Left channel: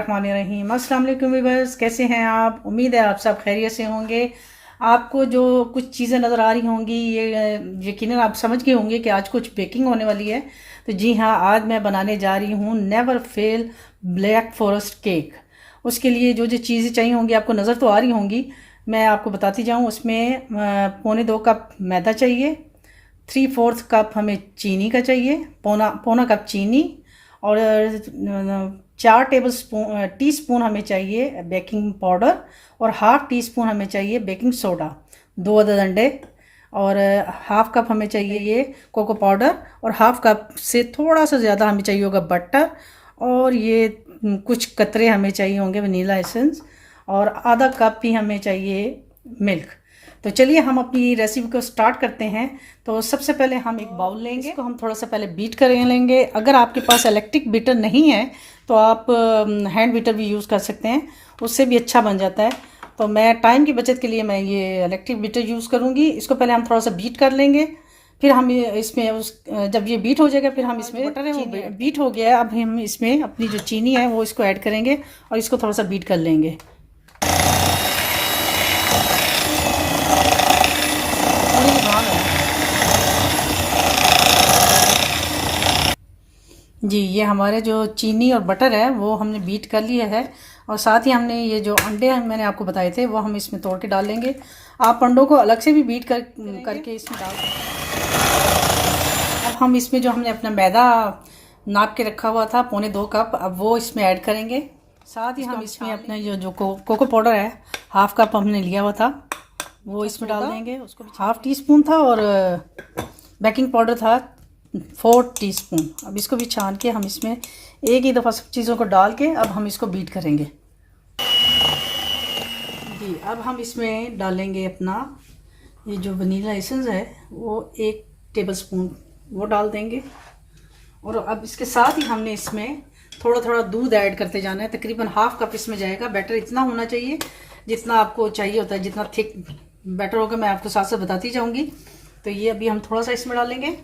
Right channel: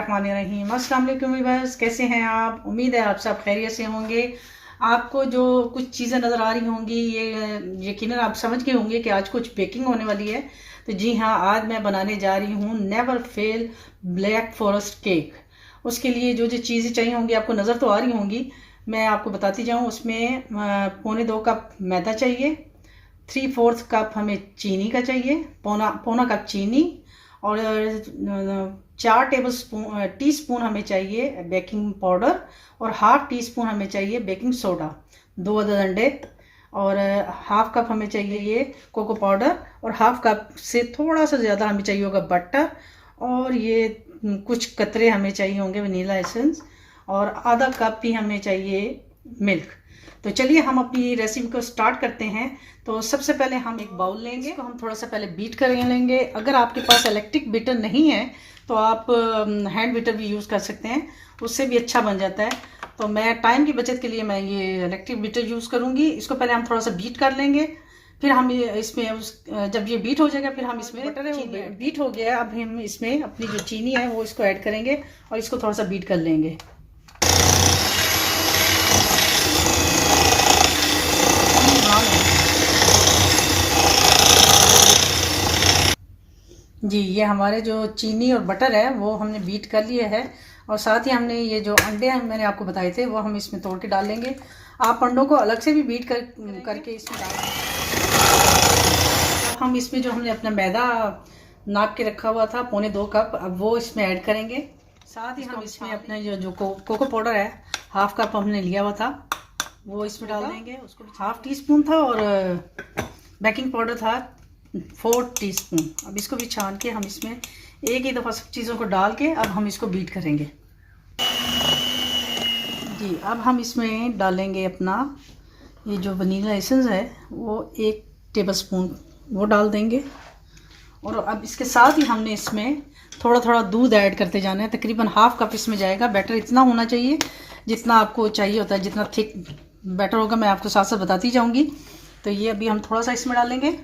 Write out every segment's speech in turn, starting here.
रहीम। अस्सलाम वालेकुम व्यूअर्स, कैसे हैं आप? उम्मीद है आप सब खैरियत से होंगे। आपको जो कुछ चीज़ें नज़र आ रही होंगी ये यकीनन आप समझ गए होंगे कि आज कुछ बेकिंग होने वाली है। तो जी हाँ, आज मैं बनाने जा रही हूँ never fail black forest cake. उसके लिए जो जो चीज़ें चाहिए होंगी आपको नज़र तो आ रही होंगी, मैं आपको बताती जाऊँ। उसमें पौने 2 कप मैदा चाहिए, 3/4 कप हमें चीनी का चाहिए, पौना पौना कप चीनी, और 4 टी स्पून हमें चाहिए बेकिंग पाउडर, और हाफ टी स्पून हमें चाहिए बेकिंग सोडा, 2 अदद अंडे, और हाफ कप हमें चाहिए ये कोको पाउडर, और हाफ कप से थोड़ा सा ज़्यादा हमें चाहिए होगा बटर, और ये कुछ कतरे हमें चाहिए होंगे वनीला एसेंस, और आधा कप ही हमें चाहिए मिल्क। तो चलिए हम अपनी रेसिपी को स्टार्ट करते हैं। तो सबसे पहले हम एक बाउल लेंगे, इसको हम थोड़ा सा पहले बीट कर लेंगे। अगर आपके पास इलेक्ट्रिक बीटर नहीं है तो आप हैंड बीटर भी यूज़ कर सकते हैं, उससे भी अच्छा बन जाता है। तो मैं टाइम की बचत के लिए मैं ये इलेक्ट्रिक बीटर यूज़ करूँगी। इसको पहले हम थोड़ा सा बीट कर लेंगे, फिर हम इसमें जब ये बीट हो जाएगा फिर हम इसमें बटर है वो बीट हो गया है। अब हम इसमें अपनी जो चीनी है वो इसको ऐड करेंगे और इसको थोड़ा सा बीट कर लेंगे। जी, ये हमारे जो चीनी और बटर है वो हमने बीट कर लिया है, और साथ ही हमने ये जो अंडे मैंने आपको बताए थे वो हम इसमें तोड़ के डाल लेंगे। आप अंडों को अलग से भी बीट करके इसमें डाल अब हम इसमें जो हमने अपना मैदा नाप के रखा हुआ था पौने 2 कप, अब वो इसमें ऐड करेंगे। साथ ही हम इसमें अपना जो कोको पाउडर है हाफ कप हमने लिया हुआ था वो इसमें डाल देंगे। उसको हाफ टी स्पून था, और बेकिंग पाउडर था 4 टीस्पून। अब इसको भी छान के हम इसमें एक ही दफ़ा सब चीज़ों को डाल के अब हम इसको बीट करेंगे। जी, अब हम इसमें डालेंगे अपना ये जो वनीला एसेंस है वो 1 टेबलस्पून वो डाल देंगे, और अब इसके साथ ही हमने इसमें थोड़ा थोड़ा दूध ऐड करते जाना है। तकरीबन हाफ कप इसमें जाएगा। बैटर इतना होना चाहिए जितना आपको चाहिए होता है, जितना थिक बैटर होगा मैं आपको साथ साथ बताती जाऊँगी। तो ये अभी हम थोड़ा सा इसमें डालेंगे।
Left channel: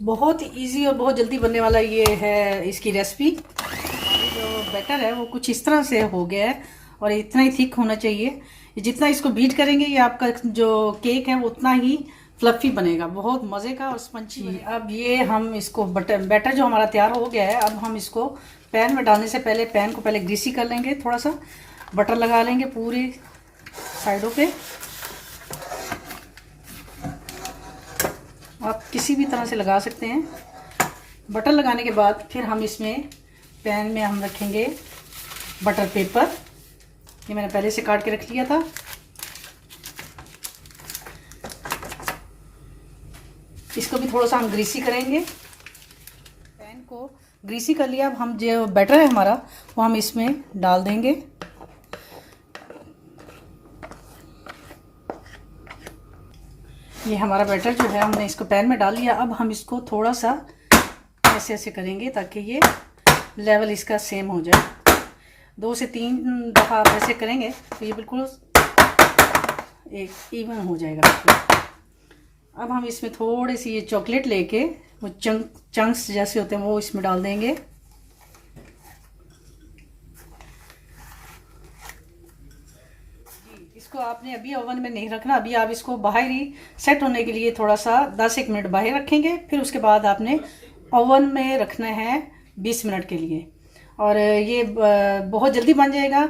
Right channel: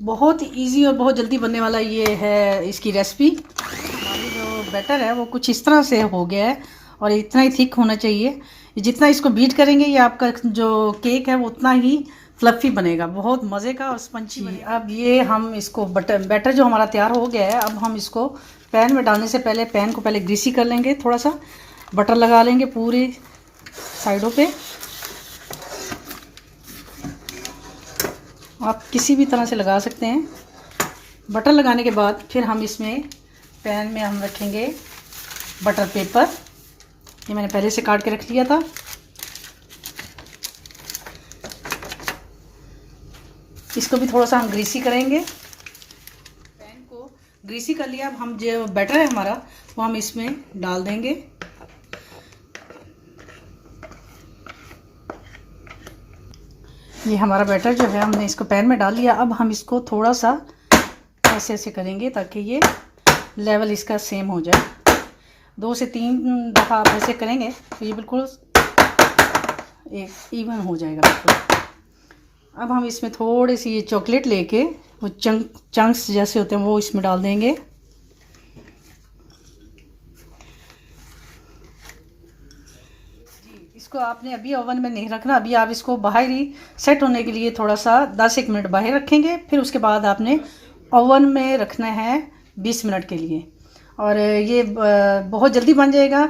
बहुत इजी और बहुत जल्दी बनने वाला ये है इसकी रेसिपी। जो बैटर है वो कुछ इस तरह से हो गया है, और इतना ही थिक होना चाहिए। जितना इसको बीट करेंगे ये आपका जो केक है वो उतना ही फ्लफ़ी बनेगा, बहुत मज़े का और स्पंची। अब ये हम इसको बैटर जो हमारा तैयार हो गया है, अब हम इसको पैन में डालने से पहले पैन को पहले ग्रीसी कर लेंगे। थोड़ा सा बटर लगा लेंगे पूरी साइडों पे। आप किसी भी तरह से लगा सकते हैं। बटर लगाने के बाद फिर हम इसमें पैन में हम रखेंगे बटर पेपर। ये मैंने पहले से काट के रख लिया था। इसको भी थोड़ा सा हम ग्रीसी करेंगे। पैन को ग्रीसी कर लिया। अब हम जो बैटर है हमारा वो हम इसमें डाल देंगे। ये हमारा बैटर जो है हमने इसको पैन में डाल लिया। अब हम इसको थोड़ा सा ऐसे ऐसे करेंगे ताकि ये लेवल इसका सेम हो जाए। 2 से 3 दफ़ा आप ऐसे करेंगे तो ये बिल्कुल एक इवन हो जाएगा बिल्कुल। अब हम इसमें थोड़ी सी ये चॉकलेट लेके वो चंक्स जैसे होते हैं वो इसमें डाल देंगे। इसको आपने अभी ओवन में नहीं रखना, अभी आप इसको बाहर ही सेट होने के लिए थोड़ा सा 10-1 मिनट बाहर रखेंगे। फिर उसके बाद आपने ओवन में रखना है 20 मिनट के लिए, और ये बहुत जल्दी बन जाएगा।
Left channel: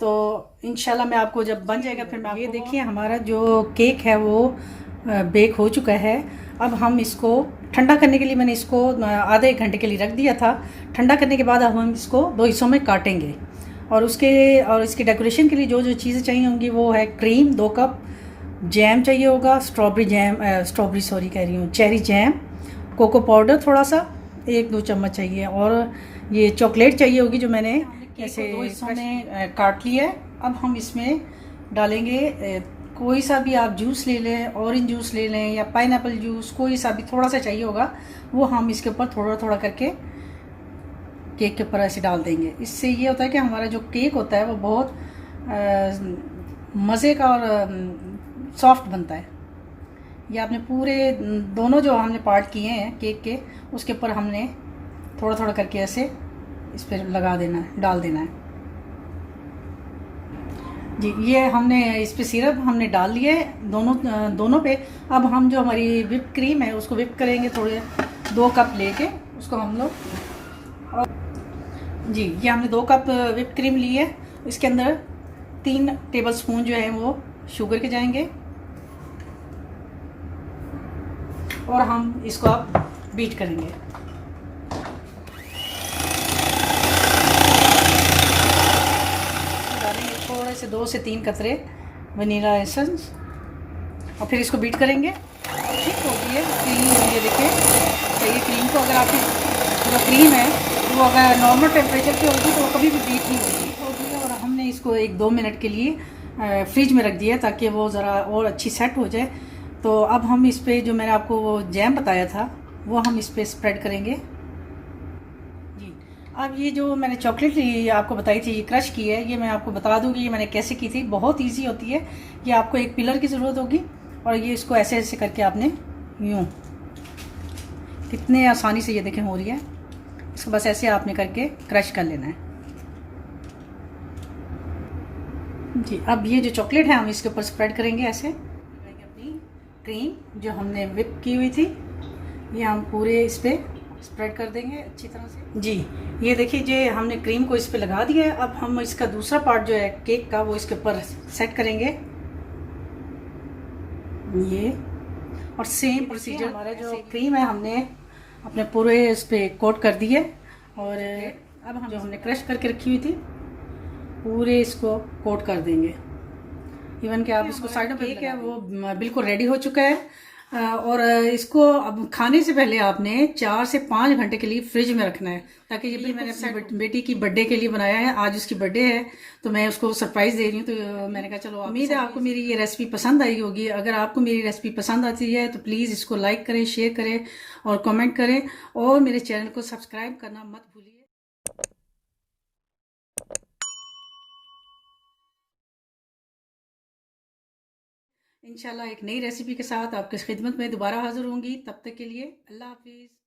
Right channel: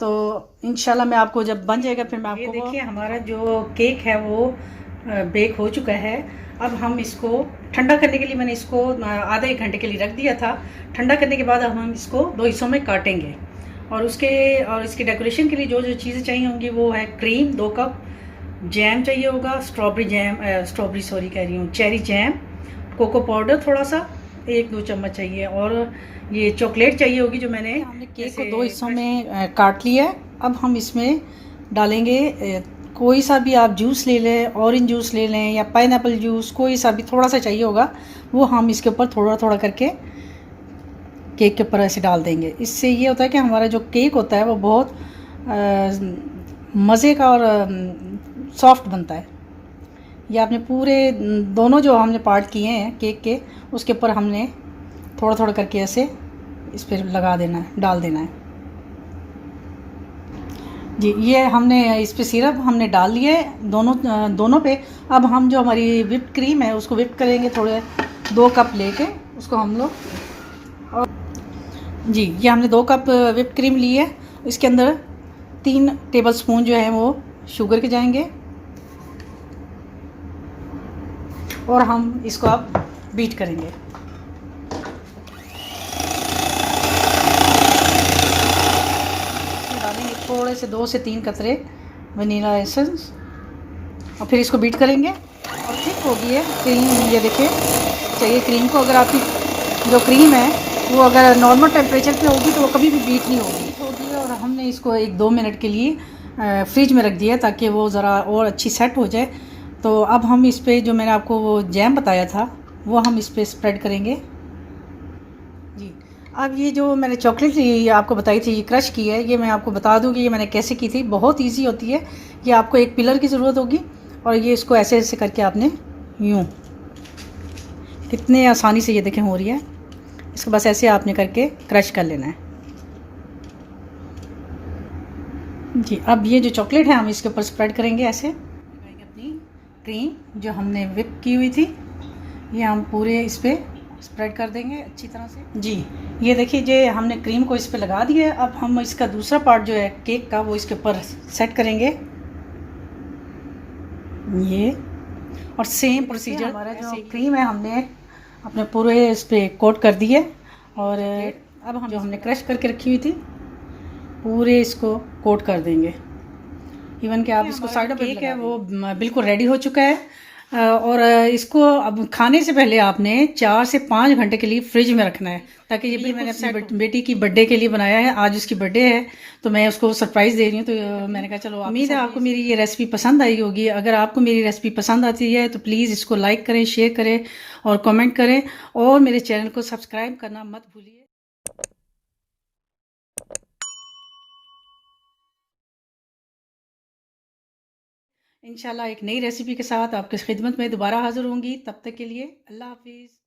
तो इंशाल्लाह मैं आपको जब बन जाएगा फिर मैं आपको। ये देखिए हमारा जो केक है वो बेक हो चुका है। अब हम इसको ठंडा करने के लिए मैंने इसको आधे 1 घंटे के लिए रख दिया था। ठंडा करने के बाद अब हम इसको 2 हिस्सों में काटेंगे, और इसके डेकोरेशन के लिए जो जो चीज़ें चाहिए होंगी वो है क्रीम 2 कप, जैम चाहिए होगा, स्ट्रॉबेरी सॉरी कह रही हूँ, चेरी जैम, कोको पाउडर थोड़ा सा 1-2 चम्मच चाहिए, और ये चॉकलेट चाहिए होगी जो मैंने केक को 2 हिस्सों में काट लिया है। अब हम इसमें डालेंगे कोई सा भी आप जूस ले लें, ऑरेंज जूस ले लें या पाइनएप्पल जूस, कोई सा भी थोड़ा सा चाहिए होगा वो हम इसके ऊपर थोड़ा थोड़ा करके केक के ऊपर ऐसे डाल देंगे। इससे ये होता है कि हमारा जो केक होता है वो बहुत मज़े का और सॉफ्ट बनता है। ये आपने पूरे दोनों जो हमने पार्ट किए हैं केक के उसके ऊपर हमने थोड़ा थोड़ा करके ऐसे इस पर लगा देना है, डाल देना है। जी, ये हमने इस पे सिरप हमने डाल लिए दोनों पे। अब हम जो हमारी whipped क्रीम है उसको whip करेंगे, थोड़े 2 कप लेके उसको हम लोग। और जी, ये हमने 2 कप whipped क्रीम ली है। इसके अंदर 3 टेबल स्पून जो है वो शुगर के जाएंगे, और हम इसको अब बीट करेंगे। डालेंगे थोड़े से 2 से 3 कतरे वनीला एसेंस, और फिर इसको बीट करेंगे। और ठीक होगी है क्रीम, ये देखिए चाहिए क्रीम को। अगर आपकी जो क्रीम है वो अगर नॉर्मल टेम्परेचर की होगी तो वो कभी भी बीट नहीं होगी। और हमने इसको 1-2 मिनट के लिए फ्रिज में रख दिया ताकि वो ज़रा और अच्छी सेट हो जाए। तो अब हम इस पर जो मैंने आपको वो जैम बताया था वो हम इस पर स्प्रेड करेंगे। जी, अब ये जो मैंने चॉकलेट आपको बताई थी, ये क्रश की है, ये मैं आपको बता दूँ कि ये मैंने कैसे की थी। बहुत इजी होती है। ये आपको एक पिलर की ज़रूरत होगी, और ये इसको ऐसे ऐसे करके आपने यूँ, कितने आसानी से ये देखें हो रही है। इसको बस ऐसे आपने करके क्रश कर लेना है। जी, अब ये जो चॉकलेट है हम इसके ऊपर स्प्रेड करेंगे ऐसे। अपनी क्रीम जो हमने whip की हुई थी ये हम पूरे इस पर स्प्रेड कर देंगे अच्छी तरह से। जी, ये देखिए जो हमने क्रीम को इस पर लगा दिया है। अब हम इसका दूसरा पार्ट जो है केक का वो इसके ऊपर सेट करेंगे। ये और सेम प्रोसीजर, हमारा जो क्रीम है हमने अपने पूरे इस पर कोट कर दी है। और अब हम जो हमने क्रश करके रखी हुई थी पूरे इसको कोट कर देंगे। इवन कि आप इसको साइड केक है वो बिल्कुल रेडी हो चुका है। और इसको अब खाने से पहले आपने 4 से 5 घंटे के लिए फ्रिज में रखना है, ताकि ये मैंने अपनी बेटी की बर्थडे के लिए बनाया है। आज उसकी बर्थडे है तो मैं उसको सरप्राइज़ दे रही हूँ। तो मैंने कहा चलो, उम्मीद है आपको मेरी ये रेसिपी पसंद आई होगी। अगर आपको मेरी रेसिपी पसंद आती है तो प्लीज़ इसको लाइक करें, शेयर करें और कमेंट करें, और मेरे चैनल को सब्सक्राइब करना मत भूलिए। इंशाल्लाह एक नई रेसिपी के साथ आपकी खिदमत में दोबारा हाजिर होंगी। तब तक के लिए अल्लाह हाफिज़।